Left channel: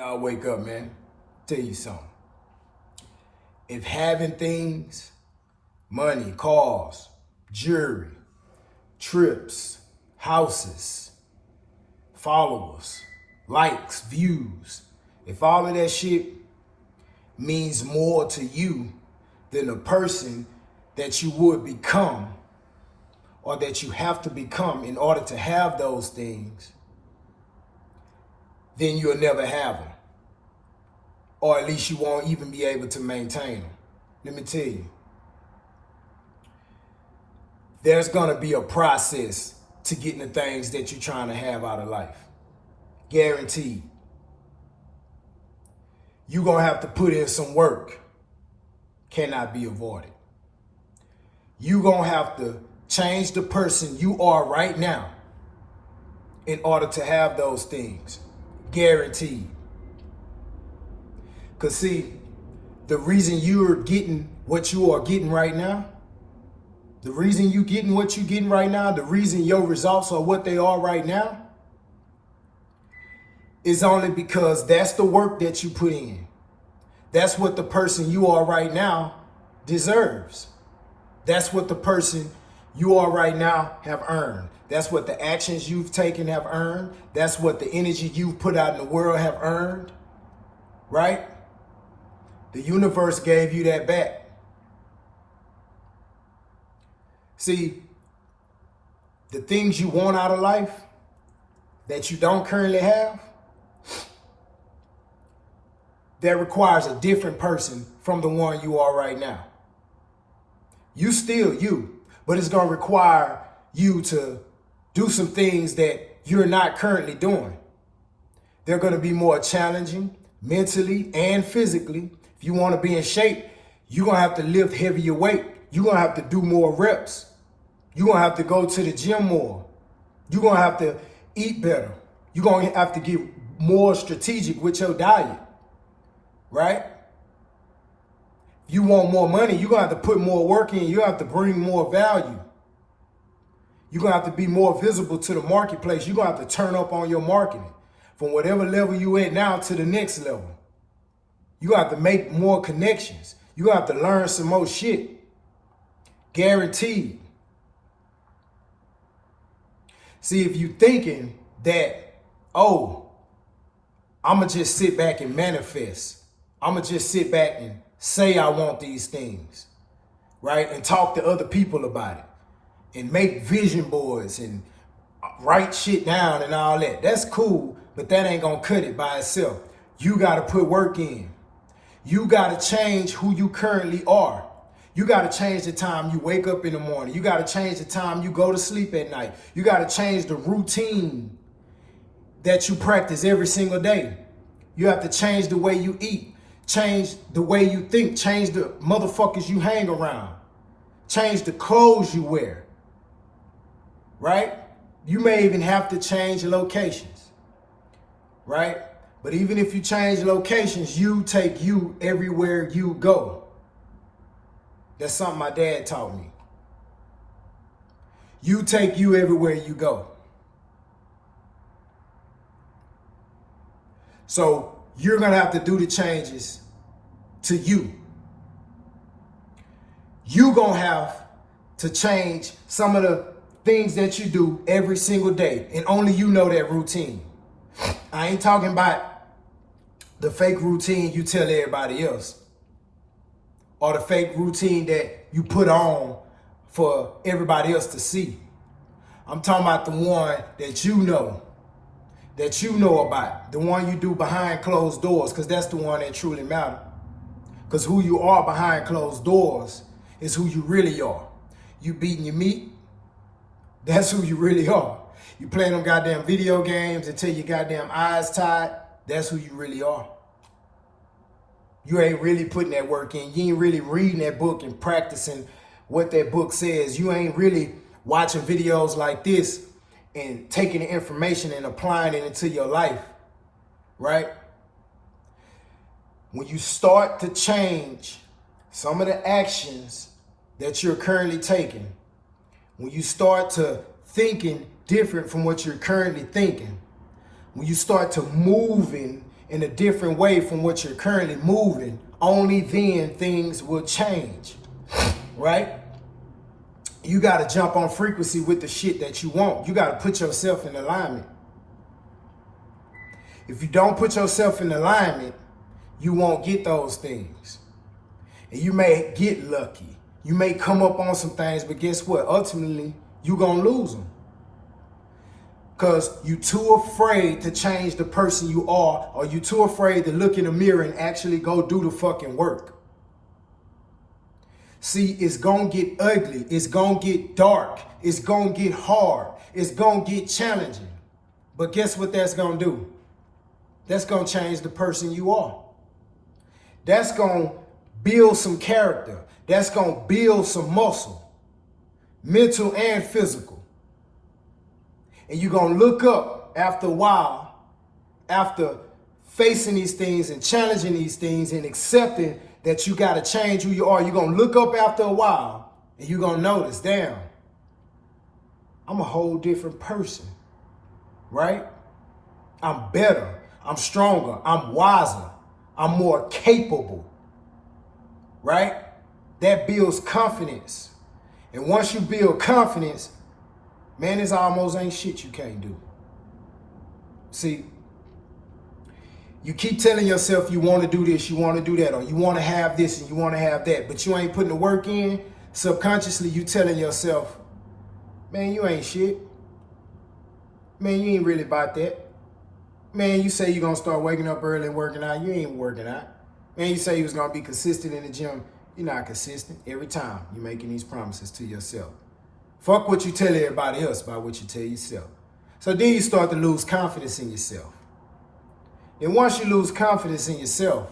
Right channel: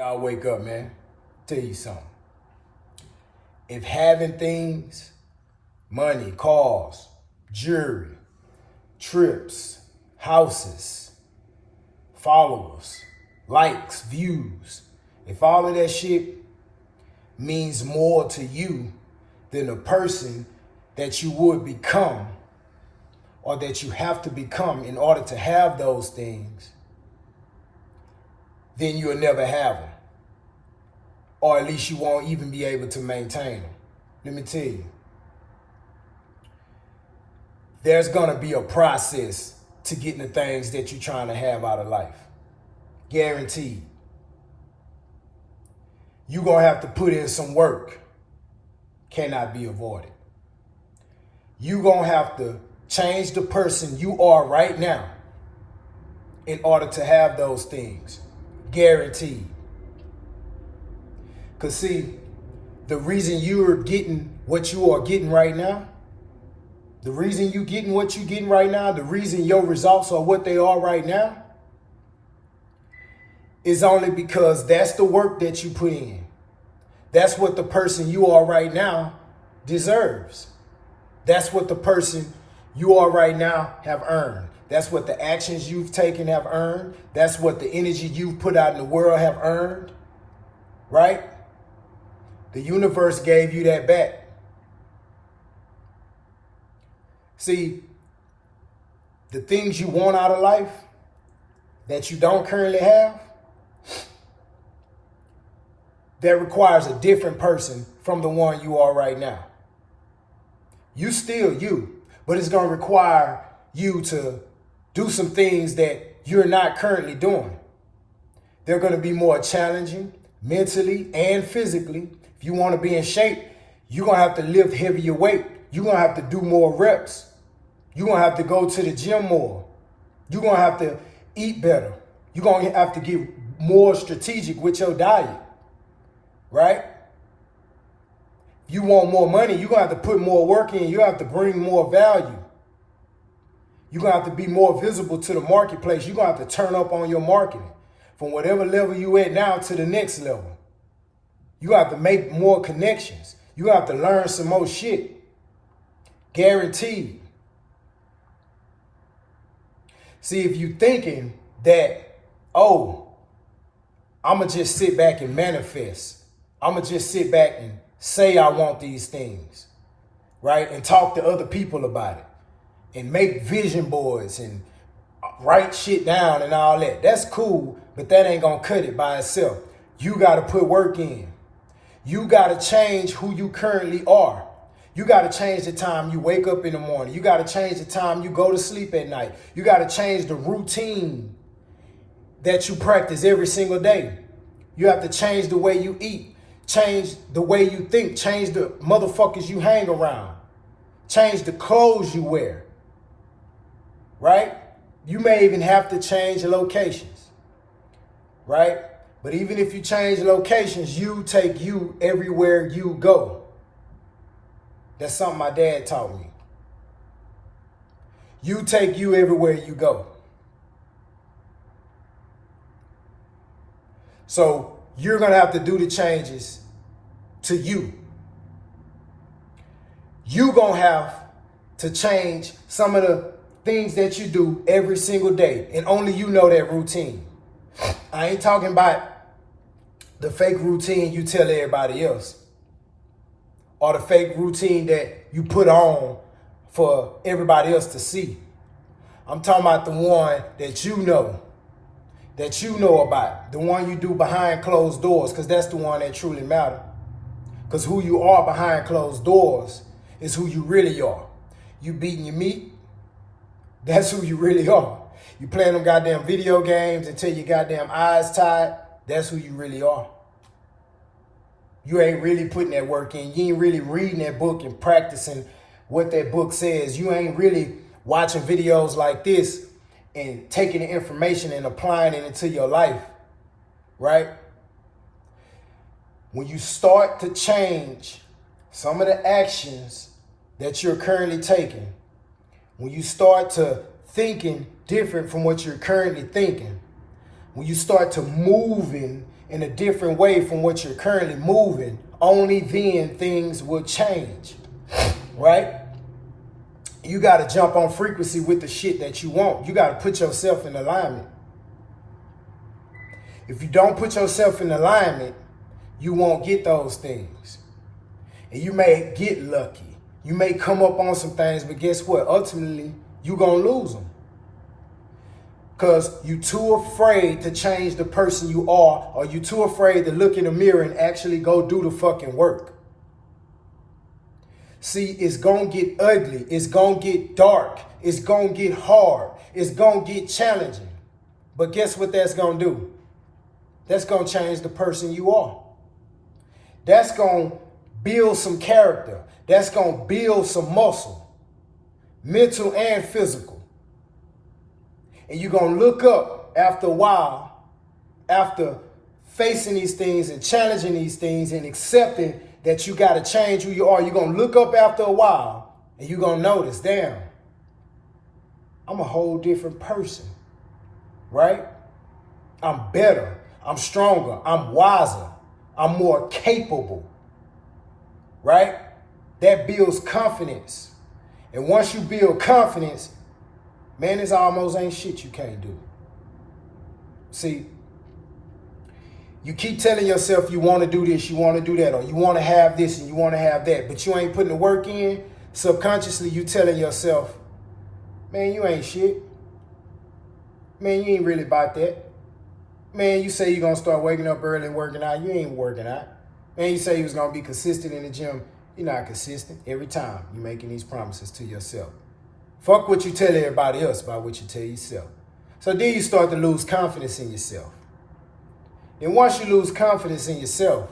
Y'all wake up, man. Tell you something. If having things, money, cars, jewelry, trips, houses, followers, likes, views, if all of that shit means more to you than the person that you would become or that you have to become in order to have those things, then you'll never have them. Or at least you won't even be able to maintain them. Let me tell you, there's gonna be a process to getting the things that you're trying to have out of life. Guaranteed. You're gonna have to put in some work. Cannot be avoided. You're gonna have to change the person you are right now in order to have those things. Guaranteed. Because see, the reason you're getting what you are getting right now, the reason you're getting what you're getting right now, the reason your results are what they are right now, is only because that's the work that you put in. That's what the person you are right now deserves. That's what the person you are right now have earned. That's what the actions you've taken have earned. That's what the energy you've put out in the world have earned. Right? The universe gave you that back. See, the things you want out of life that you don't currently have, that requires a different person from the one you are right now. You still you, but it's going to require you to do some things that you're not currently doing. They're going to be more challenging mentally and physically. If you want to be in shape, you're going to have to lift heavier weight. You're going to have to do more reps. You're going to have to go to the gym more. You're going to have to eat better. You're going to have to get more strategic with your diet. Right? If you want more money, you're going to have to put more work in. You have to bring more value. You're going to have to be more visible to the marketplace. You're going to have to turn up on your marketing from whatever level you at now to the next level. You're going to have to make more connections. You're going to have to learn some more shit. Guaranteed. See, if you're thinking that, oh, I'm going to just sit back and manifest. I'm going to just sit back and say I want these things, right? And talk to other people about it and make vision boards and write shit down and all that. That's cool, but that ain't going to cut it by itself. You got to put work in. You got to change who you currently are. You got to change the time you wake up in the morning. You got to change the time you go to sleep at night. You got to change the routine that you practice every single day. You have to change the way you eat. Change the way you think. Change the motherfuckers you hang around. Change the clothes you wear. Right? You may even have to change locations. Right? But even if you change locations, you take you everywhere you go. That's something my dad taught me. You take you everywhere you go. So you're going to have to do the changes to you. You're going to have to change some of the things that you do every single day. And only you know that routine. I ain't talking about the fake routine you tell everybody else. Or the fake routine that you put on for everybody else to see. I'm talking about the one that you know about. The one you do behind closed doors, because that's the one that truly matters. Because who you are behind closed doors is who you really are. You beating your meat, that's who you really are. You playing them goddamn video games until your goddamn eyes tired, that's who you really are. You ain't really putting that work in. You ain't really reading that book and practicing what that book says. You ain't really watching videos like this and taking the information and applying it into your life, right? When you start to change some of the actions that you're currently taking, when you start to thinking different from what you're currently thinking, when you start to moving in a different way from what you're currently moving, only then things will change, right? You got to jump on frequency with the shit that you want. You got to put yourself in alignment. If you don't put yourself in alignment, you won't get those things. And you may get lucky. You may come up on some things, but guess what? Ultimately, you're going to lose them. Because you're too afraid to change the person you are, or you're too afraid to look in the mirror and actually go do the fucking work. See, it's going to get ugly. It's going to get dark. It's going to get hard. It's going to get challenging. But guess what that's going to do? That's going to change the person you are. That's going to build some character. That's going to build some muscle, mental and physical. And you're going to look up after a while, after facing these things and challenging these things and accepting that you got to change who you are. You're going to look up after a while and you're going to notice, damn, I'm a whole different person, right? I'm better. I'm stronger. I'm wiser. I'm more capable, right? That builds confidence. And once you build confidence, man, this almost ain't shit you can't do. See, you keep telling yourself you want to do this, you want to do that, or you want to have this and you want to have that, but you ain't putting the work in. Subconsciously, you telling yourself, man, you ain't shit. Man, you ain't really about that. Man, you say you're going to start waking up early and working out. You ain't working out. Man, you say you was going to be consistent in the gym. You're not consistent. Every time you're making these promises to yourself. Fuck what you tell everybody else about what you tell yourself. So then you start to lose confidence in yourself. And once you lose confidence in yourself,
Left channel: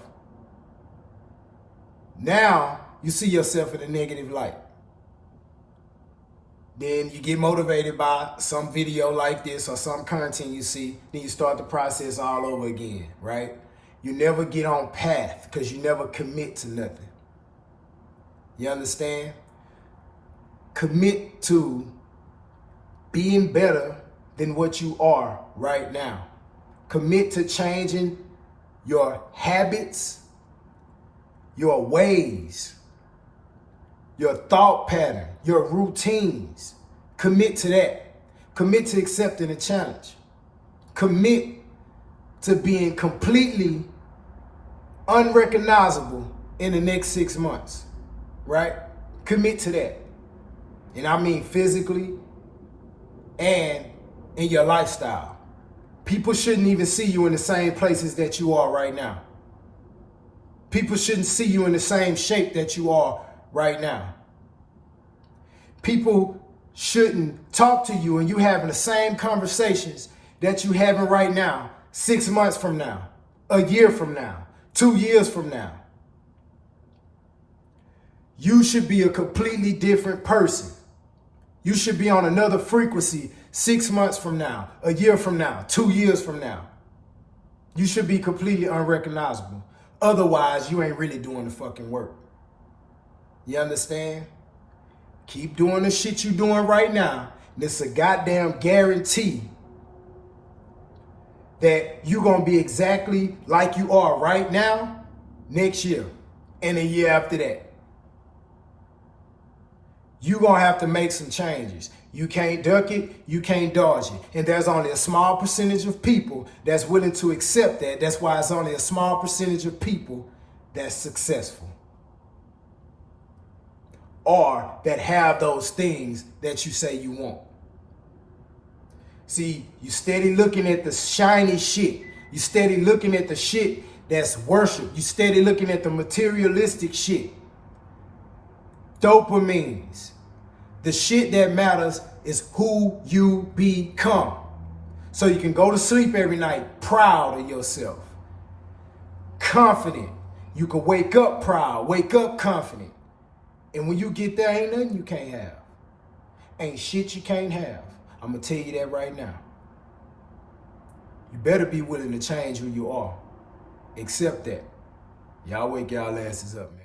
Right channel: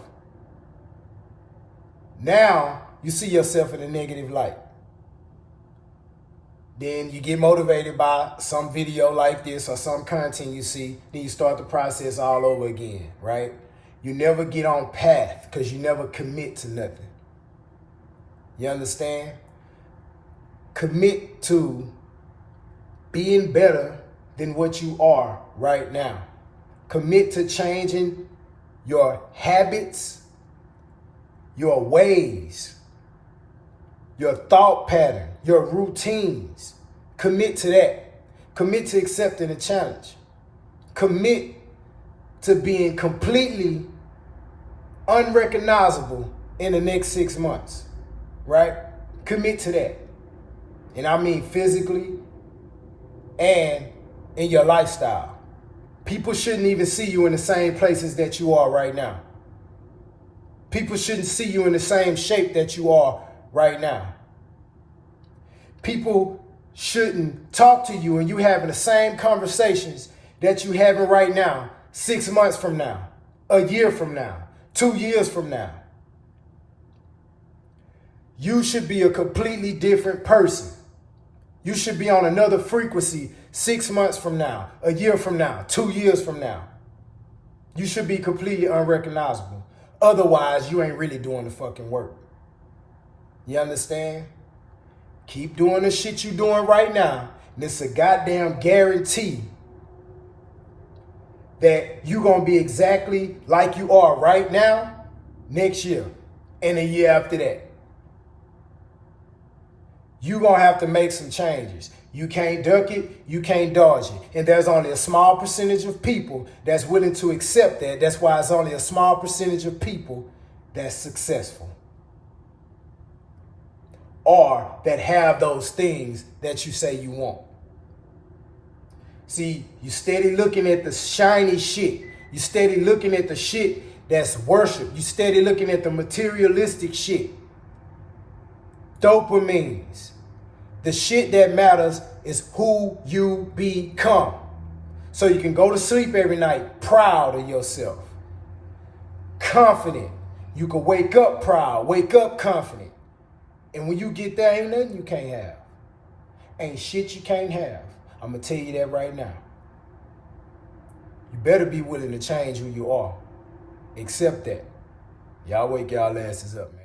now you see yourself in a negative light. Then you get motivated by some video like this or some content you see. Then you start the process all over again, right? You never get on path because you never commit to nothing. You understand? Commit to being better than what you are right now. Commit to changing your habits, your ways, your thought pattern, your routines. Commit to that. Commit to accepting a challenge. Commit to being completely unrecognizable in the next 6 months, right? Commit to that. And I mean physically and in your lifestyle. People shouldn't even see you in the same places that you are right now. People shouldn't see you in the same shape that you are right now. People shouldn't talk to you and you having the same conversations that you having right now, 6 months from now, a year from now, 2 years from now. You should be a completely different person. You should be on another frequency 6 months from now, a year from now, 2 years from now. You should be completely unrecognizable. Otherwise, you ain't really doing the fucking work. You understand? Keep doing the shit you doing right now. And it's a goddamn guarantee that you're going to be exactly like you are right now next year and a year after that. You're going to have to make some changes. You can't duck it, you can't dodge it. And there's only a small percentage of people that's willing to accept that. That's why it's only a small percentage of people that's successful. Or that have those things that you say you want. See, you steady looking at the shiny shit. You steady looking at the shit that's worship. You steady looking at the materialistic shit. Dopamines. The shit that matters is who you become. So you can go to sleep every night proud of yourself. Confident. You can wake up proud, wake up confident. And when you get there, ain't nothing you can't have. Ain't shit you can't have. I'm going to tell you that right now. You better be willing to change who you are. Accept that. Y'all wake y'all asses up, man.